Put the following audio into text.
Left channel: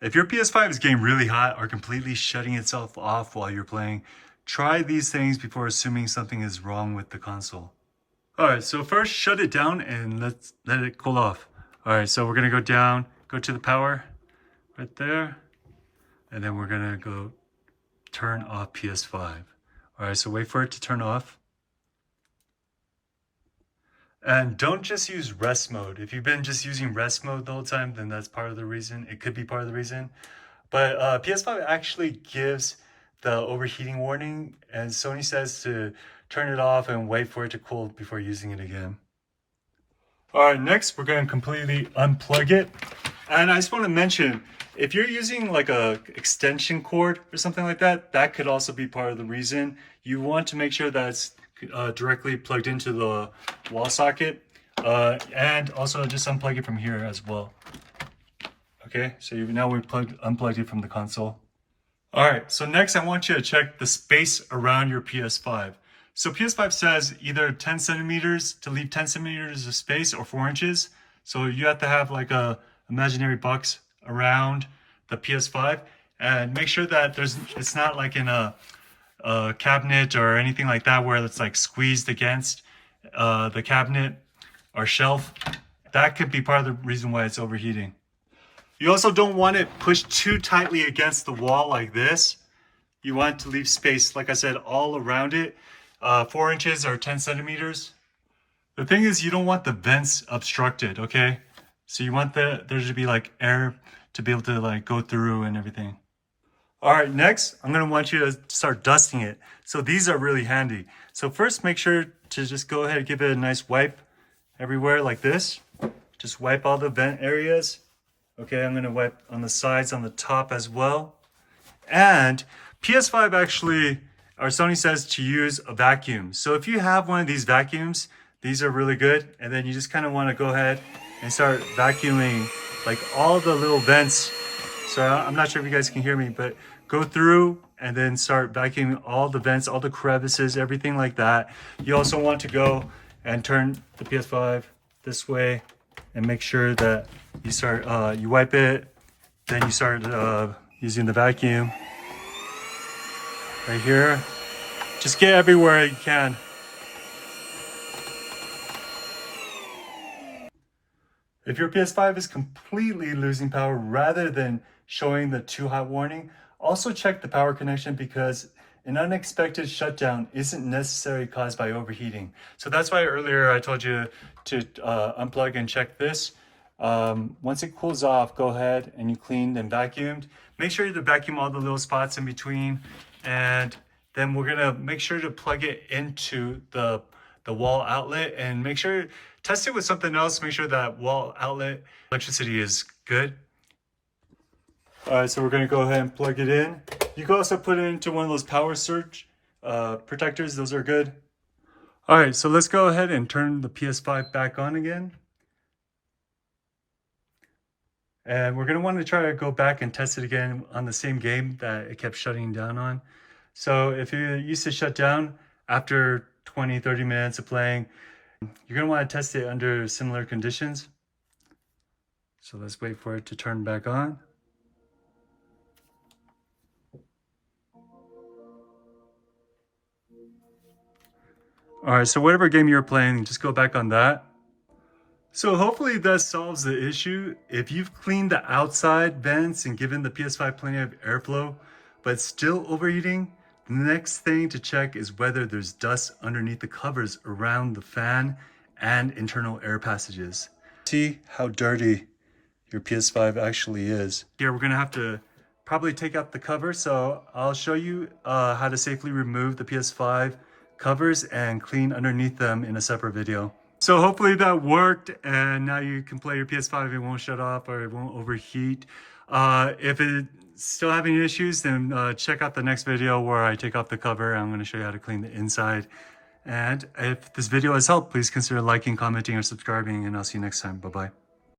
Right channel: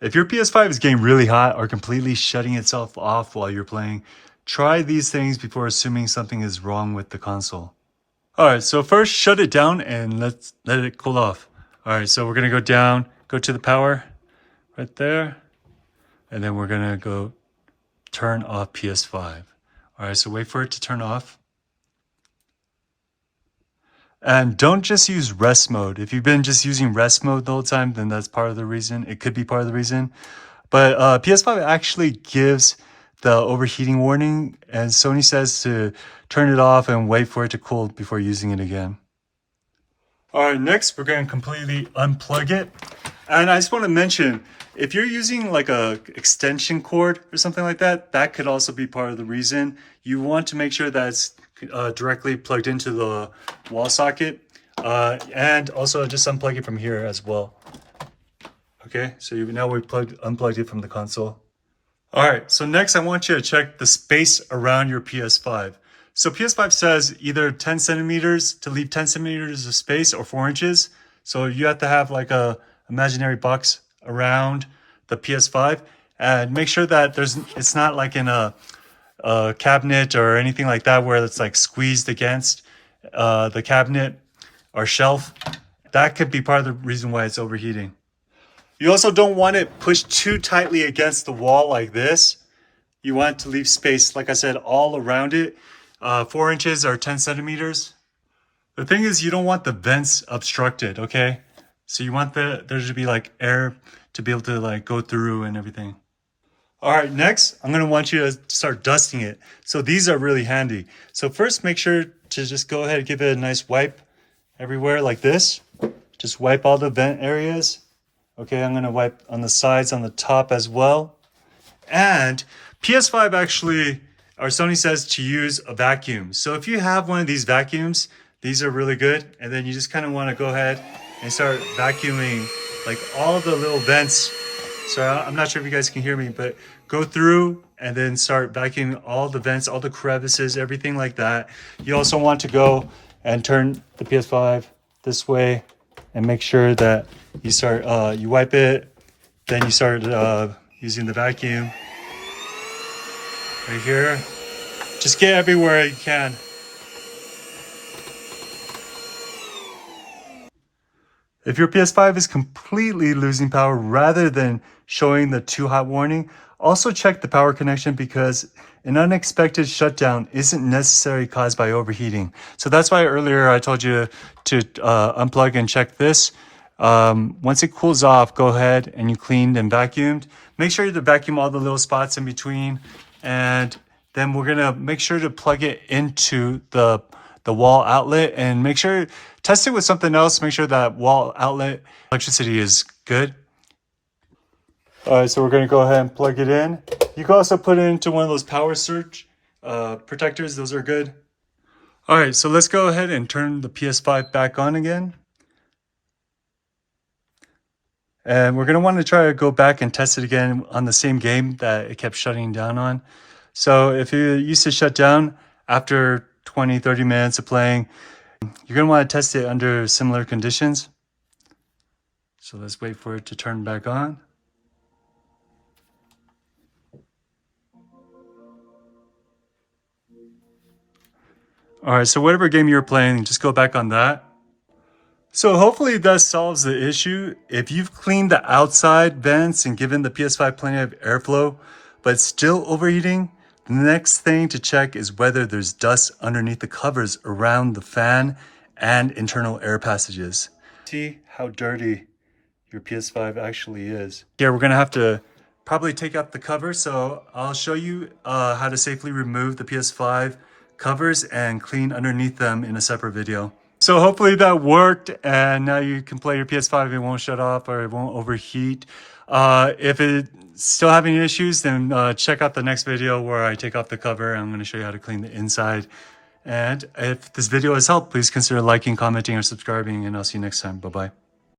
If your PS5 is getting really hot or completely shutting itself off while you're playing, try these things before assuming something is wrong with the console. Alright, so first shut it down and let it cool off. Alright, so we're gonna go down, go to the power right there, and then we're gonna go turn off PS5. Alright, so wait for it to turn off. And don't just use rest mode. If you've been just using rest mode the whole time, then that's part of the reason. It could be part of the reason. But PS5 actually gives the overheating warning, and Sony says to turn it off and wait for it to cool before using it again. All right, next we're going to completely unplug it. And I just want to mention, if you're using like a extension cord or something like that, that could also be part of the reason. You want to make sure that it's directly plugged into the wall socket, and also just unplug it from here as well. Okay, so now we unplugged it from the console. All right, so next I want you to check the space around your PS5. So PS5 says either 10 centimeters to leave 10 centimeters of space or 4 inches. So you have to have like a imaginary box around the PS5, and make sure that it's not like in a cabinet or anything like that where it's like squeezed against the cabinet or shelf. That could be part of the reason why it's overheating. You also don't want it pushed too tightly against the wall like this. You want to leave space, like I said, all around it. 4 inches or 10 centimeters. The thing is, you don't want the vents obstructed, okay? So you want there to be like air to be able to like go through and everything. All right, next, I'm gonna want you to start dusting it. So these are really handy. So first, make sure to just go ahead and give it a nice wipe everywhere like this. Just wipe all the vent areas. Okay, I'm gonna wipe on the sides, on the top as well. And PS5 actually, or Sony says to use a vacuum. So if you have one of these vacuums, these are really good. And then you just kind of want to go ahead and start vacuuming like all of the little vents. So I'm not sure if you guys can hear me, but go through and then start vacuuming all the vents, all the crevices, everything like that. You also want to go and turn the PS5 this way and make sure that you start, you wipe it, then you start using the vacuum right here. Just get everywhere you can. If your PS5 is completely losing power rather than showing the too hot warning, also check the power connection, because an unexpected shutdown isn't necessarily caused by overheating. So that's why earlier I told you to unplug and check this. Once it cools off, go ahead and you cleaned and vacuumed. Make sure to vacuum all the little spots in between, and then we're gonna make sure to plug it into the wall outlet, and make sure, test it with something else. Make sure that wall outlet electricity is good. All right, so we're gonna go ahead and plug it in. You can also put it into one of those power surge protectors. Those are good. All right, so let's go ahead and turn the PS5 back on again. And we're gonna want to try to go back and test it again on the same game that it kept shutting down on. So if it used to shut down after 20-30 minutes of playing, you're gonna want to test it under similar conditions. So let's wait for it to turn back on. All right, so whatever game you're playing, just go back on that. So hopefully that solves the issue. If you've cleaned the outside vents and given the PS5 plenty of airflow, but still overheating, the next thing to check is whether there's dust underneath the covers around the fan and internal air passages. See how dirty your PS5 actually is. Here, we're gonna have to probably take out the cover, so I'll show you how to safely remove the PS5 covers and clean underneath them in a separate video. So hopefully that worked, and now you can play your PS5. It won't shut off or it won't overheat. If it's still having issues, then check out the next video where I take off the cover. I'm going to show you how to clean the inside. And if this video has helped, please consider liking, commenting, or subscribing, and I'll see you next time. Bye-bye.